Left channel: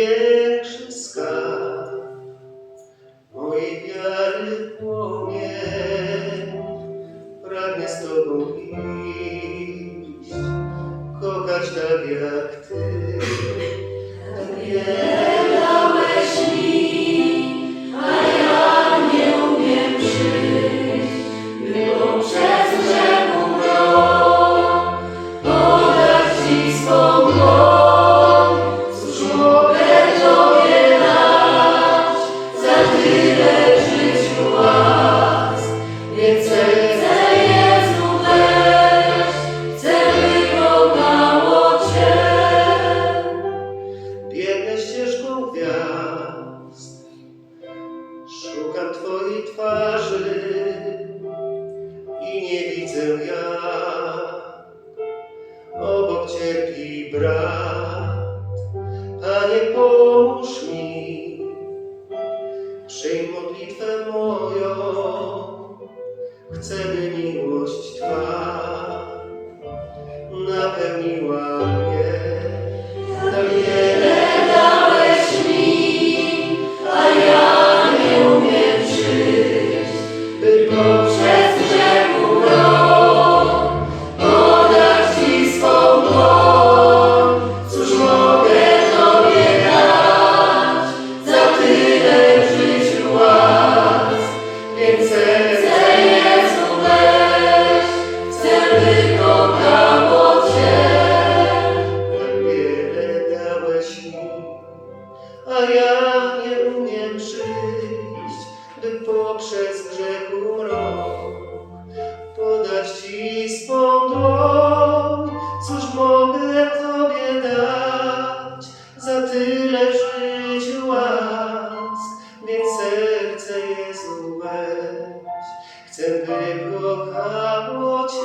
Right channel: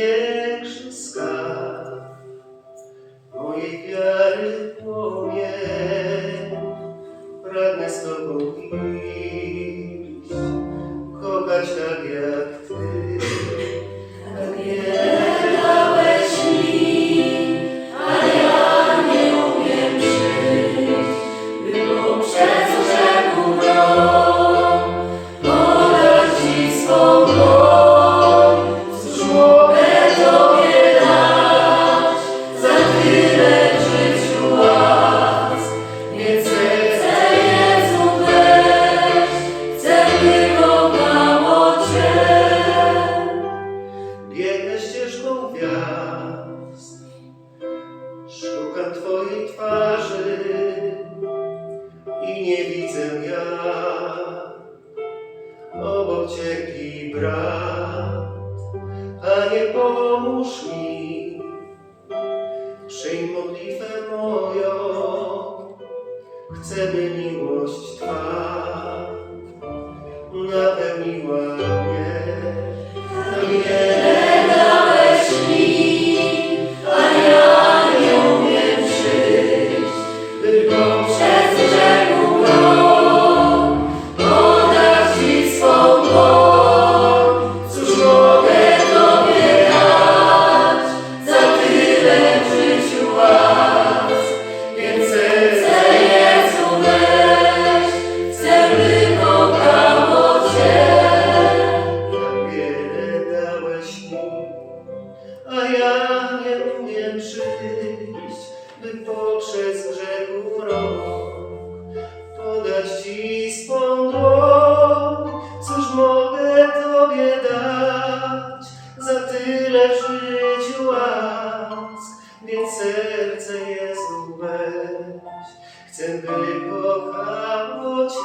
największy skarb, mojej wiary płomień, pragnę z Tobą iść, kochać tak jak Ty. Cierpi brat. Panie, pomóż mi, przyjm modlitwę moją, chcę, by miłość Twa napełniła ja nie umiem przyjść, by poprzez grzech mrok podać Ci swą dłoń. Cóż mogę Tobie dać za tyle w życiu łask, więc serce Jezu weź, chcę by kochało Cię.